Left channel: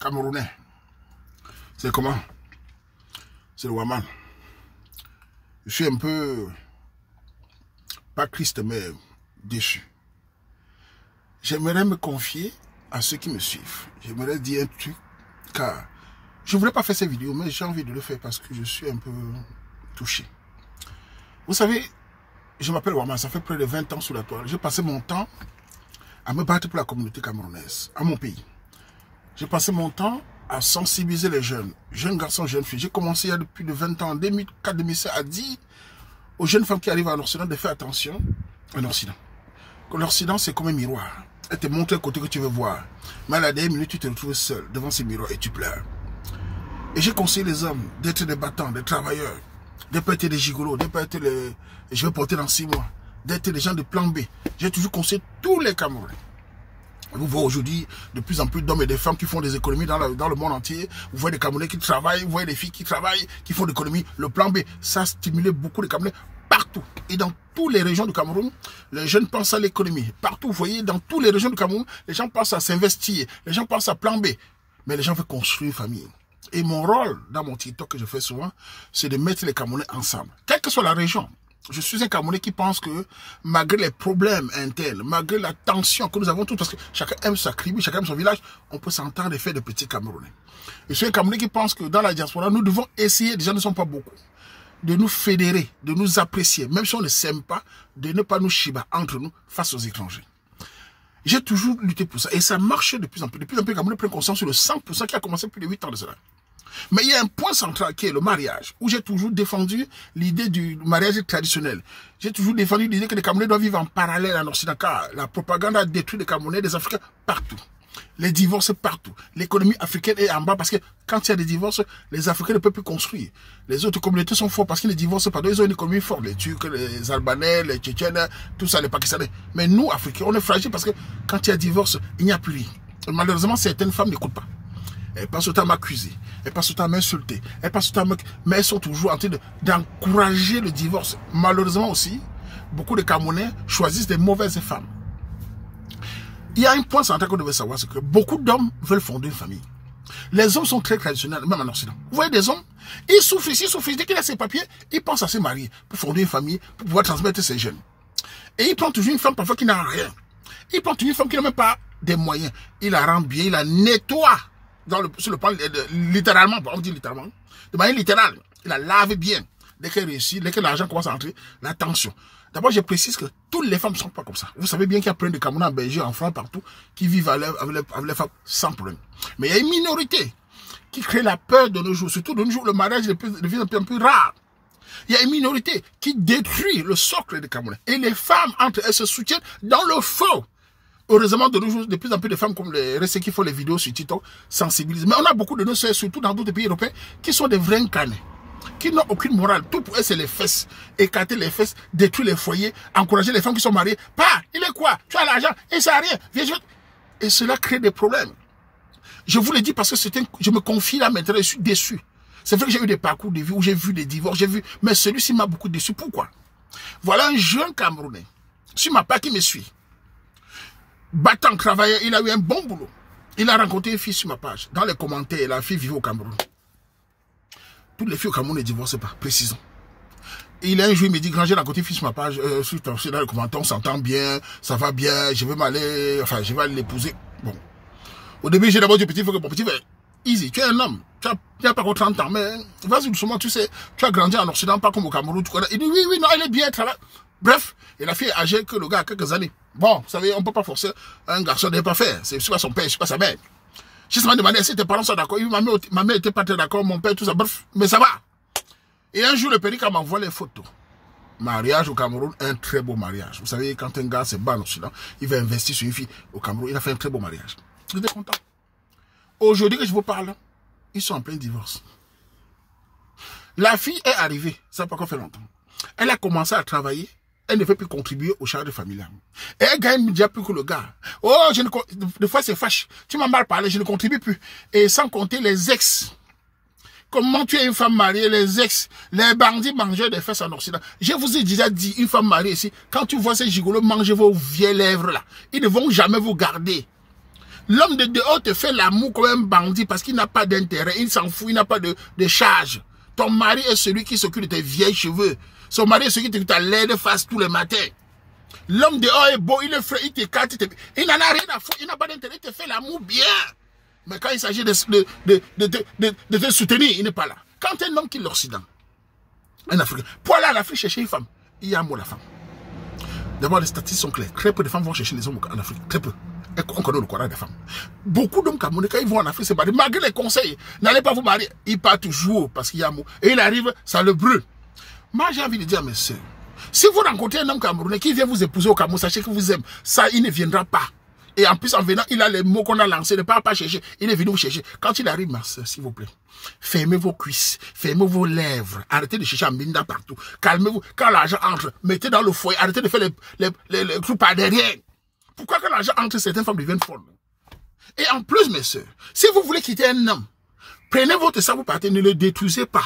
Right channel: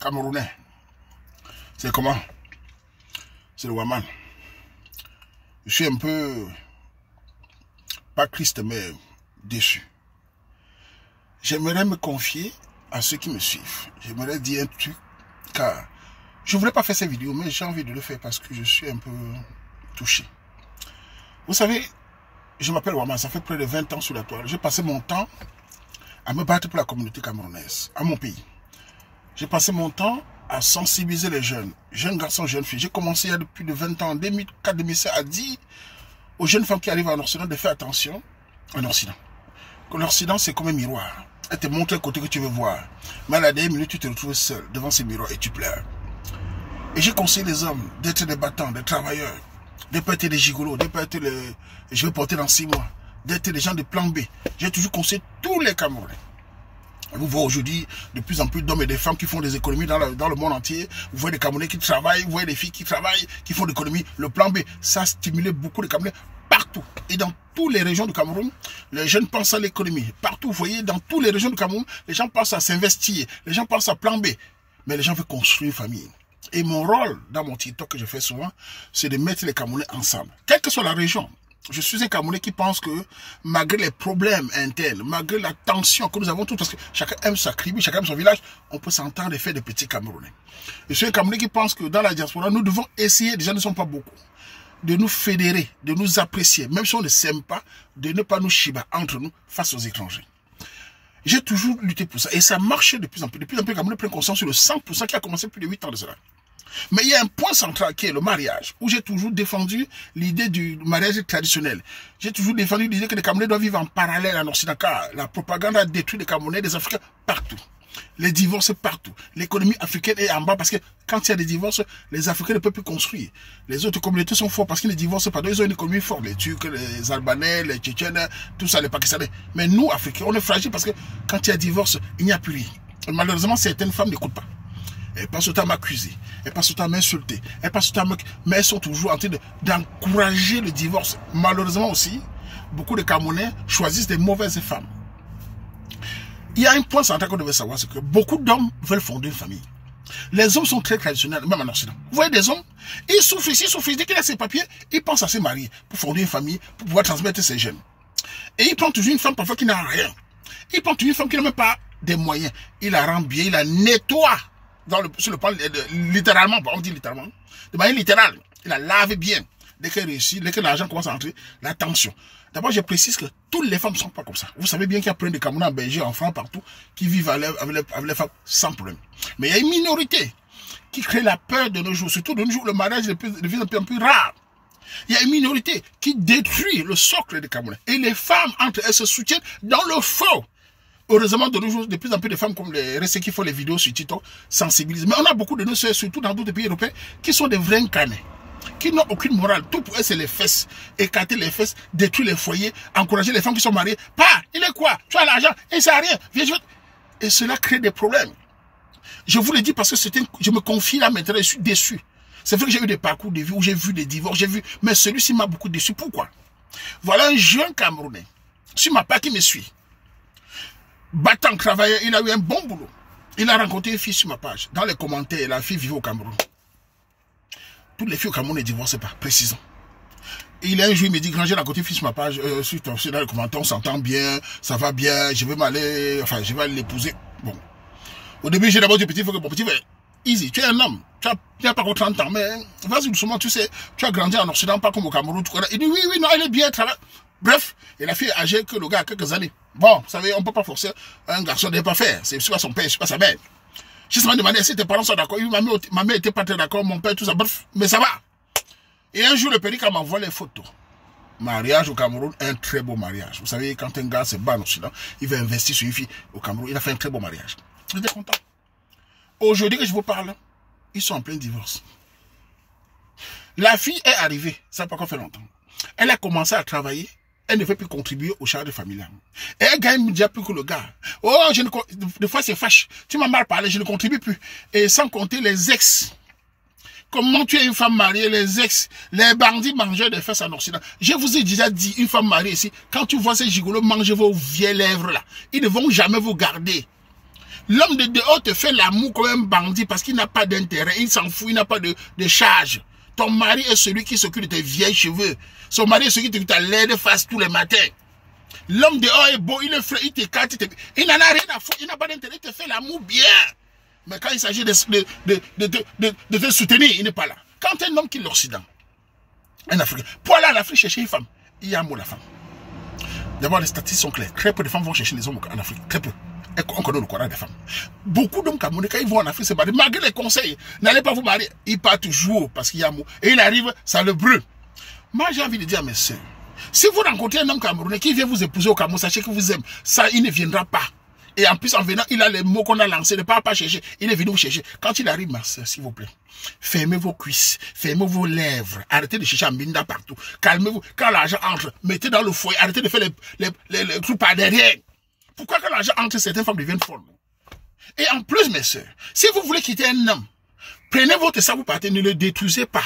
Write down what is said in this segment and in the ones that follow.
Camerounais. C'est comment? C'est le Waman. Je suis un peu, pas triste, mais déçu. J'aimerais me confier à ceux qui me suivent. J'aimerais dire un truc, car je ne voulais pas faire cette vidéo, mais j'ai envie de le faire parce que je suis un peu touché. Vous savez, je m'appelle Waman, ça fait près de 20 ans sur la toile. J'ai passé mon temps à me battre pour la communauté camerounaise, à mon pays. J'ai passé mon temps à sensibiliser les jeunes garçons, jeunes filles. J'ai commencé il y a plus de 20 ans, en 2004-2005, à dire aux jeunes femmes qui arrivent en Occident de faire attention en Occident. Que l'Occident, c'est comme un miroir. Elle te montre le côté que tu veux voir. Mais à la dernière minute, tu te retrouves seul devant ce miroir et tu pleures. Et j'ai conseillé les hommes d'être des battants, des travailleurs, de ne pas être des gigolos, de ne pas être les... Je vais porter dans 6 mois, d'être des gens de plan B. J'ai toujours conseillé tous les Camerounais. Vous voyez aujourd'hui de plus en plus d'hommes et de femmes qui font des économies dans le monde entier. Vous voyez des Camerounais qui travaillent, vous voyez des filles qui travaillent, qui font des économies. Le plan B, ça a stimulé beaucoup de Camerounais partout. Et dans toutes les régions du Cameroun, les jeunes pensent à l'économie. Partout, vous voyez, dans toutes les régions du Cameroun, les gens pensent à s'investir. Les gens pensent à plan B. Mais les gens veulent construire une famille. Et mon rôle, dans mon TikTok que je fais souvent, c'est de mettre les Camerounais ensemble. Quelle que soit la région. Je suis un Camerounais qui pense que malgré les problèmes internes, malgré la tension que nous avons tous, parce que chacun aime sa tribu, chacun aime son village, on peut s'entendre et faire de petits Camerounais. Je suis un Camerounais qui pense que dans la diaspora, nous devons essayer, déjà ne sont pas beaucoup, de nous fédérer, de nous apprécier, même si on ne s'aime pas, de ne pas nous chiba entre nous face aux étrangers. J'ai toujours lutté pour ça et ça marchait de plus en plus. De plus en plus, les Camerounais prennent conscience sur le 100% qui a commencé plus de 8 ans de cela. Mais il y a un point central qui est le mariage, où j'ai toujours défendu l'idée du mariage traditionnel. J'ai toujours défendu l'idée que les Camerounais doivent vivre en parallèle en Occident, car la propagande a détruit les Camerounais, des Africains partout. Les divorces partout. L'économie africaine est en bas parce que quand il y a des divorces, les Africains ne peuvent plus construire. Les autres communautés sont fortes parce qu'ils ne divorcent pas. Ils ont une économie forte. Les Turcs, les Albanais, les Tchétchènes, tout ça, les Pakistanais. Mais nous, Africains, on est fragiles parce que quand il y a divorce, il n'y a plus rien. Et malheureusement, certaines femmes n'écoutent pas. Elles passent autant à m'accuser, elles passent autant à m'insulter, elles passent autant à mais elles sont toujours en train d'encourager le divorce. Malheureusement aussi, beaucoup de Camerounais choisissent des mauvaises femmes. Il y a un point central qu'on devait savoir, c'est que beaucoup d'hommes veulent fonder une famille. Les hommes sont très traditionnels, même en Occident. Vous voyez des hommes, ils souffrent ici, dès qu'il a ses papiers, ils pensent à se marier, pour fonder une famille, pour pouvoir transmettre ses gènes. Et ils prennent toujours une femme parfois qui n'a rien. Ils prennent toujours une femme qui n'a même pas des moyens. Il la rend bien, il la nettoie. Sur le plan, littéralement, on dit littéralement, de manière littérale, il la lave bien. Dès qu'elle réussit, dès que l'argent commence à entrer, la tension. D'abord, je précise que toutes les femmes ne sont pas comme ça. Vous savez bien qu'il y a plein de Camerounais en Belgique, en France, partout, qui vivent avec les femmes sans problème. Mais il y a une minorité qui crée la peur de nos jours. Surtout de nos jours, le mariage devient un peu plus rare. Il y a une minorité qui détruit le socle des Camerounais. Et les femmes, entre elles, se soutiennent dans le faux. Heureusement, de nos jours, de plus en plus de femmes comme les récits qui font les vidéos sur TikTok sensibilisent. Mais on a beaucoup de nos soeurs, surtout dans d'autres pays européens, qui sont des vrais incarnés, qui n'ont aucune morale. Tout pour eux, c'est les fesses. Écarter les fesses, détruire les foyers, encourager les femmes qui sont mariées. Pas, il est quoi? Tu as l'argent, il ne sert à rien. Viens, et cela crée des problèmes. Je vous le dis parce que je me confie là maintenant, je suis déçu. C'est vrai que j'ai eu des parcours de vie où j'ai vu des divorces, mais celui-ci m'a beaucoup déçu. Pourquoi? Voilà un jeune Camerounais, sur ma part qui me suit. Battant, travailleur, il a eu un bon boulot. Il a rencontré une fille sur ma page. Dans les commentaires, la fille vivait au Cameroun. Toutes les filles au Cameroun ne divorcent pas, précisons. Et il a un jour, il me dit, grand, j'ai rencontré une fille sur ma page, dans les commentaires, on s'entend bien, ça va bien, je vais m'aller, enfin, je vais aller l'épouser. Bon. Au début, j'ai d'abord dit, petit, il faut que mon petit, easy, tu es un homme, tu n'as pas encore 30 ans, mais vas-y doucement, tu sais, tu as grandi en Occident, pas comme au Cameroun, tu connais. Il dit, oui, non, elle est bien, travaille. Bref, et la fille est âgée que le gars a quelques années. Bon, vous savez, on ne peut pas forcer un garçon de ne pas faire. C'est pas son père, c'est pas sa mère. J'ai seulement demandé si tes parents sont d'accord. Ma mère n'était pas très d'accord, mon père, tout ça. Bref, mais ça va. Et un jour, le pédicat m'envoie les photos. Mariage au Cameroun, un très beau mariage. Vous savez, quand un gars se bat en Occident, il va investir sur une fille au Cameroun. Il a fait un très beau mariage. J'étais content. Aujourd'hui que je vous parle, ils sont en plein divorce. La fille est arrivée, ça n'a pas encore fait longtemps. Elle a commencé à travailler. Elle ne veut plus contribuer au charge familial. Et elle gagne déjà plus que le gars. Oh, des fois c'est fâche. Tu m'as mal parlé, je ne contribue plus. Et sans compter les ex. Comment tu es une femme mariée, les ex, les bandits mangeurs des fesses en Occident. Je vous ai déjà dit, une femme mariée ici, quand tu vois ces gigolos manger vos vieilles lèvres là, ils ne vont jamais vous garder. L'homme de dehors te fait l'amour comme un bandit parce qu'il n'a pas d'intérêt, il s'en fout, il n'a pas de charge. Ton mari est celui qui s'occupe de tes vieilles cheveux. Son mari est celui qui te laide face tous les matins. L'homme dehors est beau, il est frais, il t'écarte, il n'en a rien à foutre, il n'a pas d'intérêt, il te fait l'amour bien. Mais quand il s'agit de te soutenir, il n'est pas là. Quand un homme quitte l'Occident, un Africain, pour aller en Afrique chercher une femme, il y a un mot la femme. D'abord, les statistiques sont claires. Très peu de femmes vont chercher les hommes en Afrique. Très peu. Et on connaît le courage des femmes. Beaucoup d'hommes camerounais, quand ils vont en Afrique se marier, malgré les conseils, n'allez pas vous marier. Ils partent toujours parce qu'il y a un mot. Et il arrive, ça le brûle. Moi, j'ai envie de dire à mes soeurs, si vous rencontrez un homme camerounais qui vient vous épouser au Cameroun, sachez que vous aime. Ça, il ne viendra pas. Et en plus, en venant, il a les mots qu'on a lancés. Ne pas chercher. Il est venu vous chercher. Quand il arrive, ma soeur, s'il vous plaît, fermez vos cuisses, fermez vos lèvres. Arrêtez de chercher un minda partout. Calmez-vous. Quand l'argent entre, mettez dans le foyer. Arrêtez de faire les trucs par derrière. Pourquoi quand l'argent entre, certaines femmes deviennent folles? Et en plus, mes soeurs, si vous voulez quitter un homme, prenez votre sac, vous partez, ne le détruisez pas.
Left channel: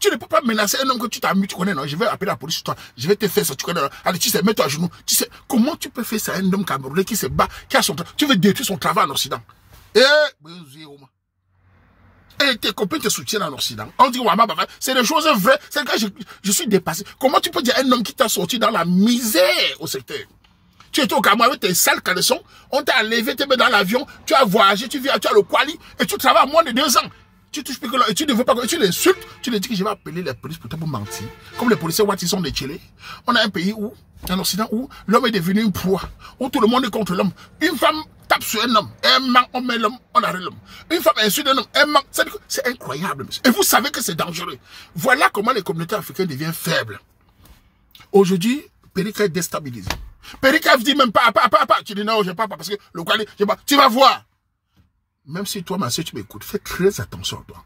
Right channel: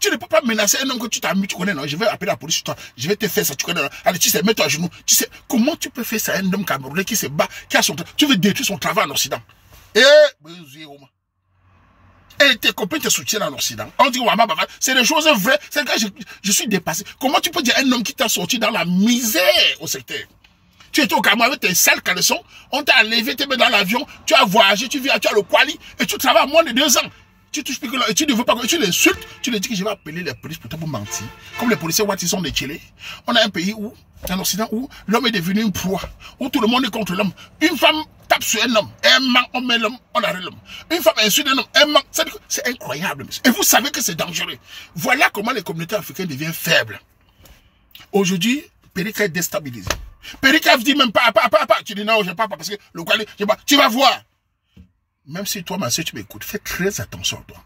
Tu ne peux pas menacer un homme que tu t'amuses, tu connais, non, je vais appeler la police sur toi, je vais te faire ça, tu connais, non. Allez, tu sais, mets-toi à genoux, tu sais, comment tu peux faire ça à un homme camerounais qui se bat, qui a son travail, tu veux détruire son travail en Occident. Et tes copains te soutiennent en Occident. On dit, c'est des choses vraies, c'est que je suis dépassé. Comment tu peux dire à un homme qui t'a sorti dans la misère au secteur? Tu étais au Cameroun avec tes sales caleçons, on t'a enlevé, tu es dans l'avion, tu as voyagé, tu as le Kwali, et tu travailles à moins de 2 ans. Tu touches plus que là, et tu ne veux pas, tu l'insultes, tu lui dis que je vais appeler les polices pour mentir. Comme les policiers, ils sont des tchélés. On a un pays où, en Occident, où l'homme est devenu une proie, où tout le monde est contre l'homme. Une femme tape sur un homme, un manque, on met l'homme, on arrête l'homme. Une femme insulte un homme, un manque, c'est incroyable, monsieur. Et vous savez que c'est dangereux. Voilà comment les communautés africaines deviennent faibles. Aujourd'hui, Perika est déstabilisé. Perika dit même pas. Tu dis non, je ne parle pas parce que le Kwali, tu vas voir. Même si toi, ma soeur, tu m'écoutes, fais très attention à toi.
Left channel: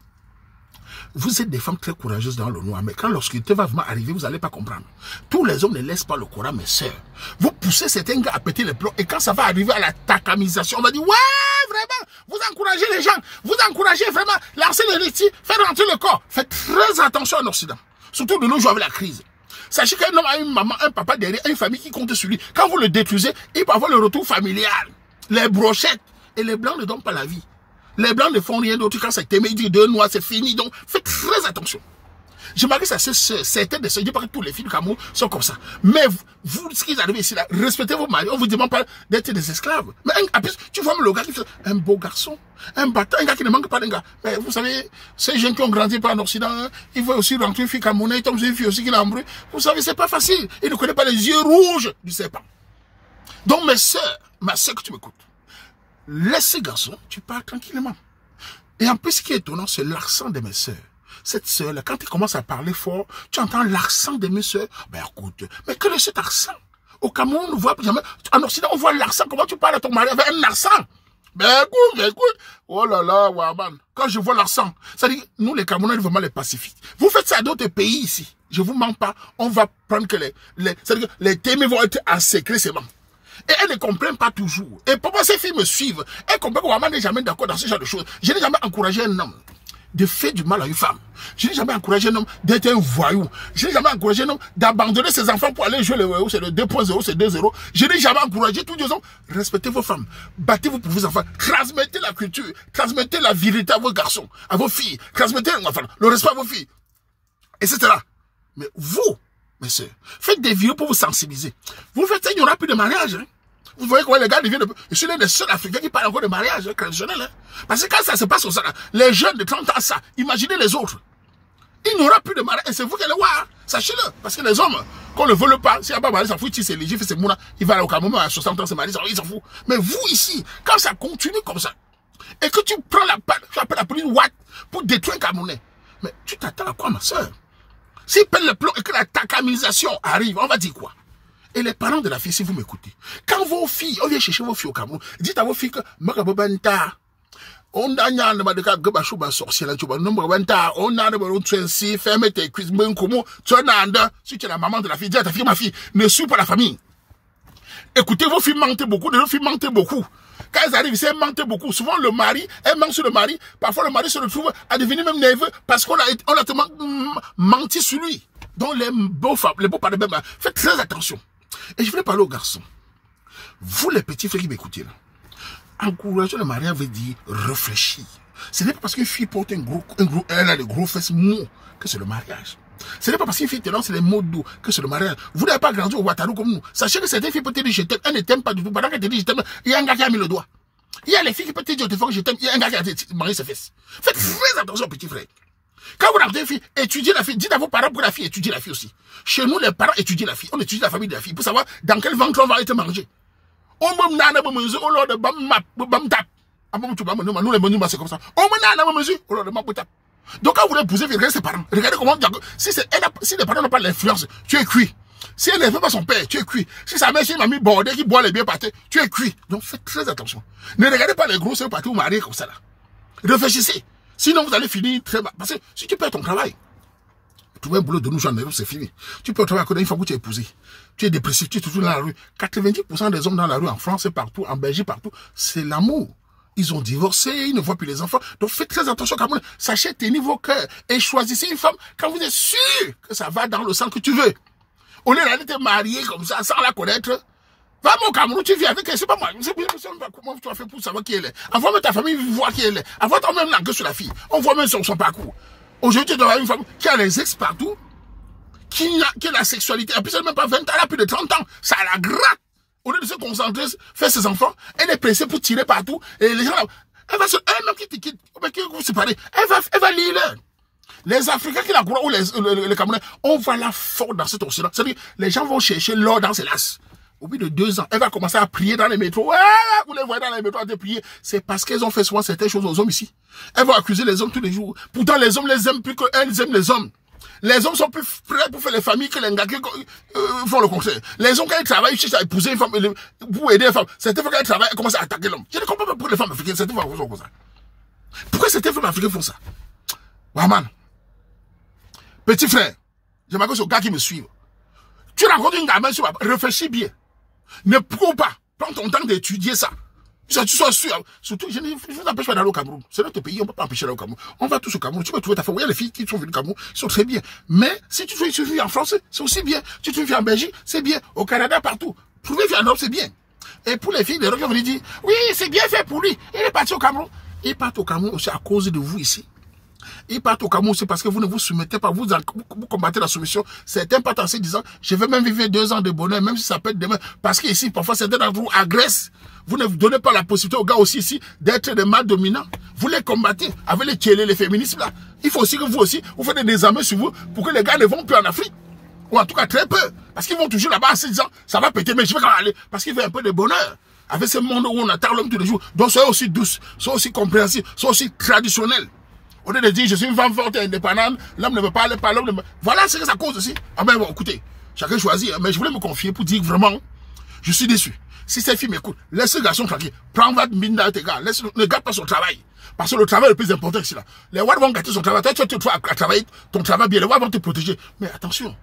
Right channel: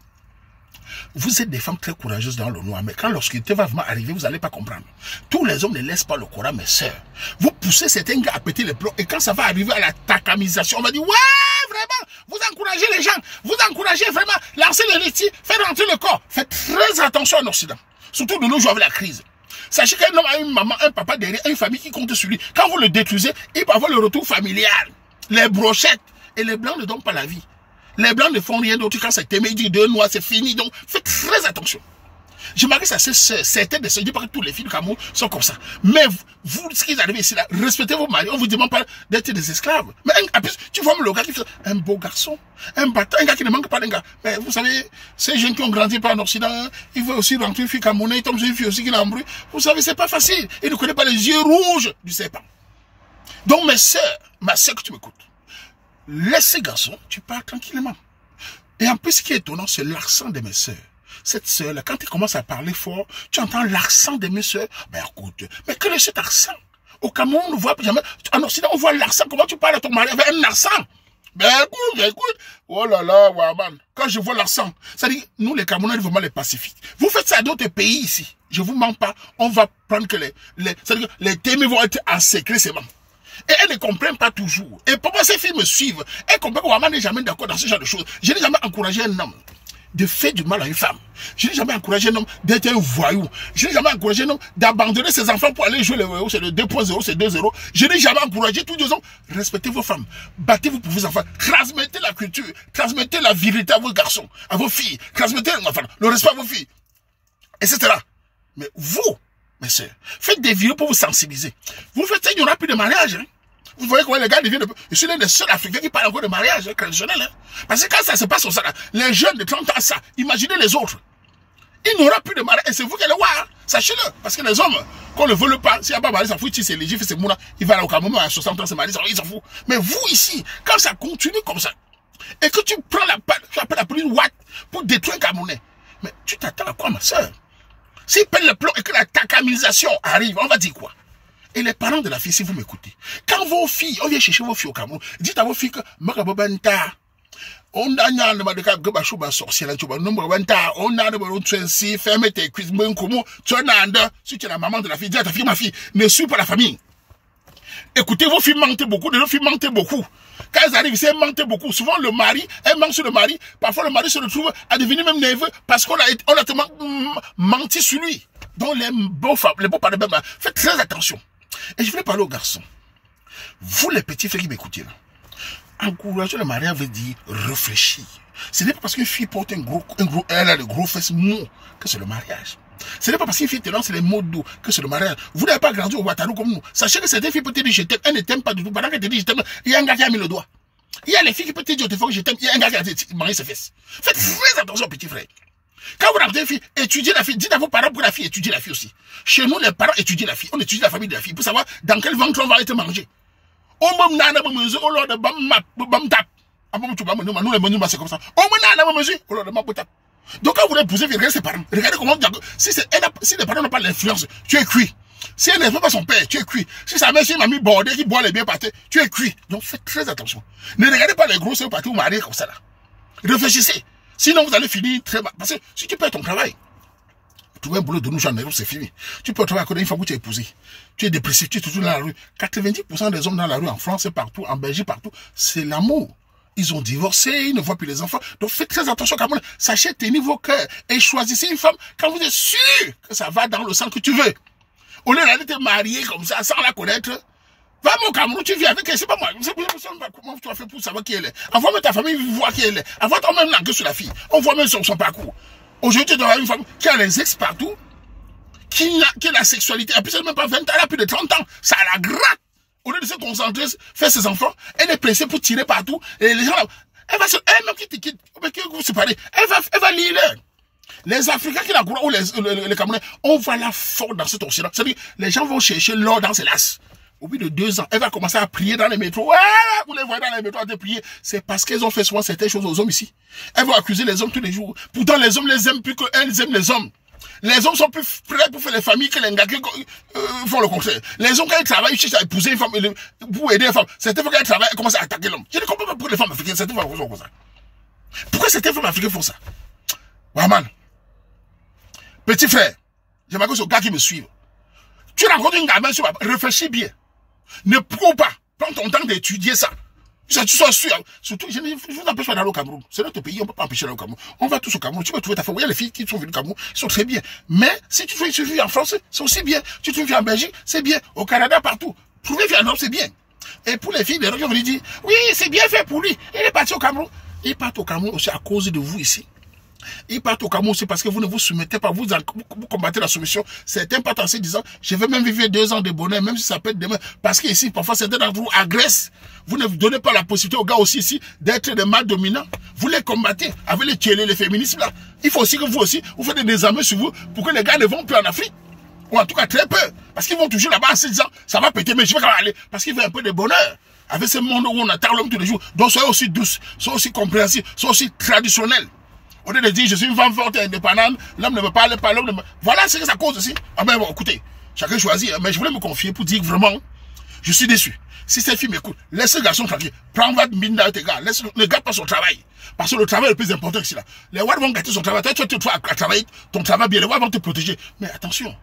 Vous êtes des femmes très courageuses dans le noir, mais quand l'obscurité va vraiment arriver, vous n'allez pas comprendre. Tous les hommes ne laissent pas le courant, mes soeurs. Vous poussez certains gars à péter les plombs, et quand ça va arriver à la takamisation, on va dire, ouais, vraiment, vous encouragez les gens, vous encouragez vraiment, lancez les récits, faites rentrer le corps. Faites très attention en Occident, surtout de nos jours avec la crise. Sachez qu'un homme a une maman, un papa derrière, une famille qui compte sur lui. Quand vous le détruisez, il peut avoir le retour familial, les brochettes, et les blancs ne donnent pas la vie. Les blancs ne font rien d'autre quand c'est aimé, ils disent 2 noirs, c'est fini. Donc, faites très attention. Je m'arrête à certaines des sœurs, je dis pas que tous les filles du Cameroun sont comme ça. Mais vous, ce qui est arrivé ici, là, respectez vos maris. On vous demande pas d'être des esclaves. Mais en plus, tu vois le gars qui fait un beau garçon, un battant, un gars qui ne manque pas d'un gars. Mais vous savez, ces jeunes qui ont grandi par en Occident, ils veulent aussi rentrer une fille camerounaise, ils tombent sur une fille aussi qui l'a embrouillé. Vous savez, c'est pas facile. Ils ne connaissent pas les yeux rouges du serpent. Donc, mes sœurs, ma sœur que tu m'écoutes, laisse ces garçons, tu parles tranquillement. Et en plus, ce qui est étonnant, c'est l'accent de mes sœurs. Cette sœur-là, quand elle commence à parler fort, tu entends l'accent de mes sœurs. Mais écoute, mais quel est cet accent? Au Cameroun, on ne voit jamais. En Occident, on voit l'accent. Comment tu parles à ton mari avec un accent? Mais écoute. Oh là là, Waman. Quand je vois l'accent, ça dit, nous les Camerounais, vraiment les pacifiques. Vous faites ça à d'autres pays ici. Je vous mens pas. On va prendre que les témoins vont être en secret seulement. Et elles ne comprennent pas toujours. Et pourquoi ces filles me suivent? Elles comprennent que Waman n'est jamais d'accord dans ce genre de choses. Je n'ai jamais encouragé un homme de faire du mal à une femme. Je n'ai jamais encouragé un homme d'être un voyou. Je n'ai jamais encouragé un homme d'abandonner ses enfants pour aller jouer le voyou. C'est le 2.0, c'est 2.0. Je n'ai jamais encouragé tous les hommes. Respectez vos femmes. Battez-vous pour vos enfants. Transmettez la culture. Transmettez la vérité à vos garçons, à vos filles. Transmettez le respect à vos filles. Etc. Mais vous, mes soeurs, faites des vidéos pour vous sensibiliser. Vous faites ça, il n'y aura plus de mariage. Hein. Vous voyez comment les gars deviennent je suis l'un des seuls Africains qui parlent encore de mariage traditionnel. Hein. Parce que quand ça se passe au Sahara, les jeunes de 30 ans, ça, imaginez les autres. Il n'y aura plus de mariage. Et c'est vous qui allez voir. Sachez-le. Parce que les hommes, qu'on ne veut pas, s'il n'y a pas de mariage, il s'en fout, c'est léger, c'est mouna. Il va aller au Cameroun à 60 ans, c'est mariage, il s'en fout. Mais vous ici, quand ça continue comme ça, et que tu prends tu appelles la police pour détruire un Camerounais, mais tu t'attends à quoi, ma soeur? S'ils pèlent le plomb et que la takamisation arrive, on va dire quoi? Et les parents de la fille, si vous m'écoutez, quand vos filles, on vient chercher vos filles au Cameroun, dites à vos filles que on a un sorcier là, on a fermez tes cuisses, si tu es la maman de la fille, dis à ta fille, ma fille, ne suis pas la famille. Écoutez, vos filles mentent beaucoup, vos filles mentent beaucoup. Quand elles arrivent ici, elles mentent beaucoup. Souvent, le mari, elles mentent sur le mari. Parfois, le mari se retrouve à devenir même nerveux parce qu'on a tellement menti sur lui. Donc, les beaux parents, faites très attention. Et je voulais parler aux garçons. Vous, les petits frères qui m'écoutez là, Encourager le mariage veut dire réfléchir. Ce n'est pas parce qu'une fille porte elle a de gros fesses mous que c'est le mariage. Ce n'est pas parce qu'une fille te lance les mots doux que c'est le mariage. Vous n'avez pas grandi au Ouattara comme nous. Sachez que certaines filles peuvent te dire je t'aime, elle ne t'aime pas du tout. Pendant qu'elle te dit je t'aime, il y a un gars qui a mis le doigt. Il y a les filles qui peuvent te dire je t'aime, il y a un gars qui a marié ses fesses. Faites très attention, petit frère. Quand vous rencontrez une fille, étudiez la fille. Dites à vos parents pour la fille, étudiez la fille aussi. Chez nous, les parents étudient la fille. On étudie la famille de la fille pour savoir dans quel ventre on va être mangé. Nous les menus, c'est comme ça. Donc quand vous l'épousez, regardez ses parents. Regardez comment, si les parents n'ont pas l'influence, tu es cuit. Si elle ne fait pas son père, tu es cuit. Si sa mère, c'est une mamie bordée qui boit les biens pâtés, tu es cuit. Donc faites très attention. Ne regardez pas les gros sœurs partis ou mariés comme ça là. Réfléchissez. Sinon vous allez finir très mal. Parce que si tu perds ton travail, trouver un boulot de nous, j'en ai, c'est fini. Tu peux travailler à côté une femme où tu es épousé. Tu es dépressif, tu es toujours dans la rue. 90% des hommes dans la rue, en France et partout, en Belgique, partout, c'est l'amour. Ils ont divorcé, ils ne voient plus les enfants. Donc faites très attention quand même. Sachez tenir vos cœurs et choisissez une femme quand vous êtes sûr que ça va dans le sang que tu veux. Au lieu d'aller te marier comme ça, sans la connaître, va au Cameroun, tu vis avec elle, c'est pas moi. Comment tu as fait pour savoir qui elle est? Envoie-moi ta famille, voir qui elle est. Envoie toi-même l'enquête sur la fille. On voit même son parcours. Aujourd'hui, tu dois avoir une femme qui a les ex partout, qui a la sexualité. En plus, elle n'a même pas 20 ans, elle a plus de 30 ans. Ça la gratte. Au lieu de se concentrer, faire ses enfants, elle est pressée pour tirer partout. Et les gens, elle-même qui te quitte, vous séparez, elle va lire. Les Africains qui la croient, ou les Camerounais, on va la fort dans cet océan. C'est-à-dire, les gens vont chercher l'or dans ses lasses. Au bout de 2 ans, elle va commencer à prier dans les métros. Ouais, vous les voyez dans les métros à prier. C'est parce qu'elles ont fait souvent certaines choses aux hommes ici. Elles vont accuser les hommes tous les jours. Pourtant, les hommes les aiment plus qu'elles aiment les hommes. Les hommes sont plus prêts pour faire les familles que les gars qui font le contraire. Les hommes, quand ils travaillent, ils cherchent à épouser une femme, pour aider une femme. Certaines fois, quand ils travaillent, ils commencent à attaquer l'homme. Je ne comprends pas pourquoi les femmes africaines, certaines fois, font comme ça. Pourquoi certaines femmes africaines font ça? Waman. Petit frère, j'aimerais que ce gars qui me suive. Tu rencontres une gamin sur réfléchis bien. Ne cours pas. Prends ton temps d'étudier ça. Tu sois sûr. Surtout, je ne vous empêche pas d'aller au Cameroun. C'est notre pays, on ne peut pas empêcher d'aller au Cameroun. On va tous au Cameroun. Tu peux trouver ta femme. Il y a les filles qui sont venues au Cameroun, ils sont très bien. Mais si tu fais une fille en France, c'est aussi bien. Si tu fais en Belgique, c'est bien. Au Canada, partout. Trouver une fille en Europe, c'est bien. Et pour les filles, les gens vont dire, oui, c'est bien fait pour lui. Il est parti au Cameroun. Il part au Cameroun aussi à cause de vous ici. Ils partent au Cameroun, c'est parce que vous ne vous soumettez pas, vous combattez la soumission. Certains partent en se disant, je vais même vivre 2 ans de bonheur, même si ça peut être demain. Parce qu'ici, parfois, certains d'entre vous agressent. Vous ne donnez pas la possibilité aux gars aussi ici d'être des mâles dominants. Vous les combattez avec les tchélés, les féministes là. Il faut aussi que vous aussi, vous faites des armées sur vous pour que les gars ne vont plus en Afrique. Ou en tout cas très peu. Parce qu'ils vont toujours là-bas en se disant, ça va péter, mais je vais quand même aller. Parce qu'il fait un peu de bonheur. Avec ce monde où on attend l'homme tous les jours. Donc soyez aussi douce, soyez aussi compréhensifs, soyez aussi traditionnels. Au lieu de dire, je suis une femme forte et indépendante, l'homme ne me parle pas, l'homme ne me... Voilà ce que ça cause aussi. Ah ben bon, écoutez, chacun choisit, mais je voulais me confier pour dire que vraiment, je suis déçu. Si cette fille m'écoute, laisse ce garçon tranquille. Prends votre mine dans tes gars, ne gâte pas son travail. Parce que le travail est le plus important ici là. Les Ouads vont gâter son travail. Toi, tu vas travailler ton travail bien, les Ouads vont te protéger. Mais attention,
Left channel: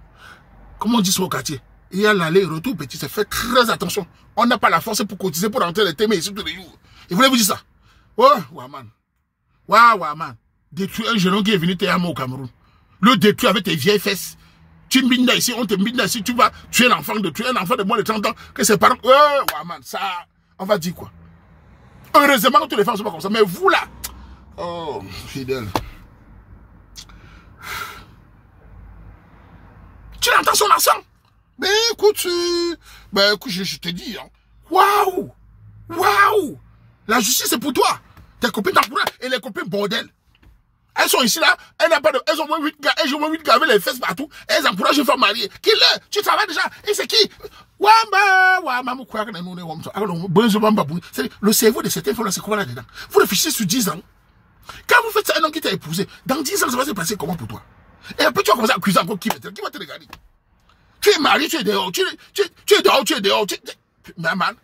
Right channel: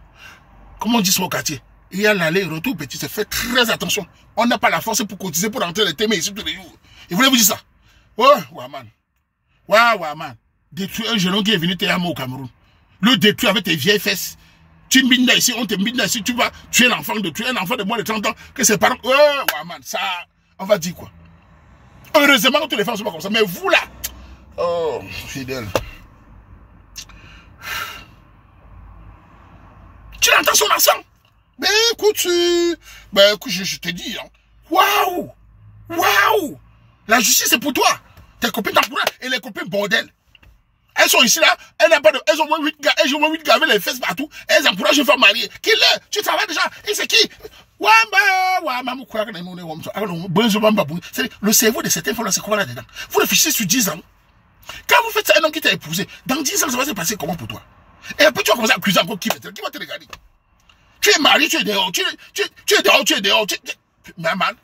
comme on dit sur le quartier, il y a l'aller-retour, petit, c'est fait très attention. On n'a pas la force pour cotiser, pour rentrer les thèmes ici tous les jours. Et voulez vous dire ça? Ouais, man. Ouais, man. Détruire un jeune homme qui est venu t'aimer au Cameroun. Le détruire avec tes vieilles fesses. Tu mines là ici, on te mine là ici, tu vas tuer l'enfant de moins de 30 ans, que ses parents. Ouais, man, ça, on va dire quoi? Heureusement que tous les femmes ne sont pas comme ça, mais vous là, oh, fidèle. Tu entends son accent? Ben écoute, je te dis, hein. Waouh! La justice c'est pour toi. Tes copines t'encouragent et les copines bordel. Elles sont ici là, elles ont moins 8 gars, elles ont moins 8 gars avec les fesses partout, elles encouragent une femme mariée. Qui l'est? Tu travailles déjà, et c'est qui? Le cerveau de certaines femmes là, c'est quoi là-dedans? Vous réfléchissez sur 10 ans. Quand vous faites ça, un homme qui t'a épousé, dans 10 ans, ça va se passer comment pour toi? Et après, tu vas commencer à accuser encore qui va te regarder? Tu es marié, tu es dehors, tu es dehors. Mais man.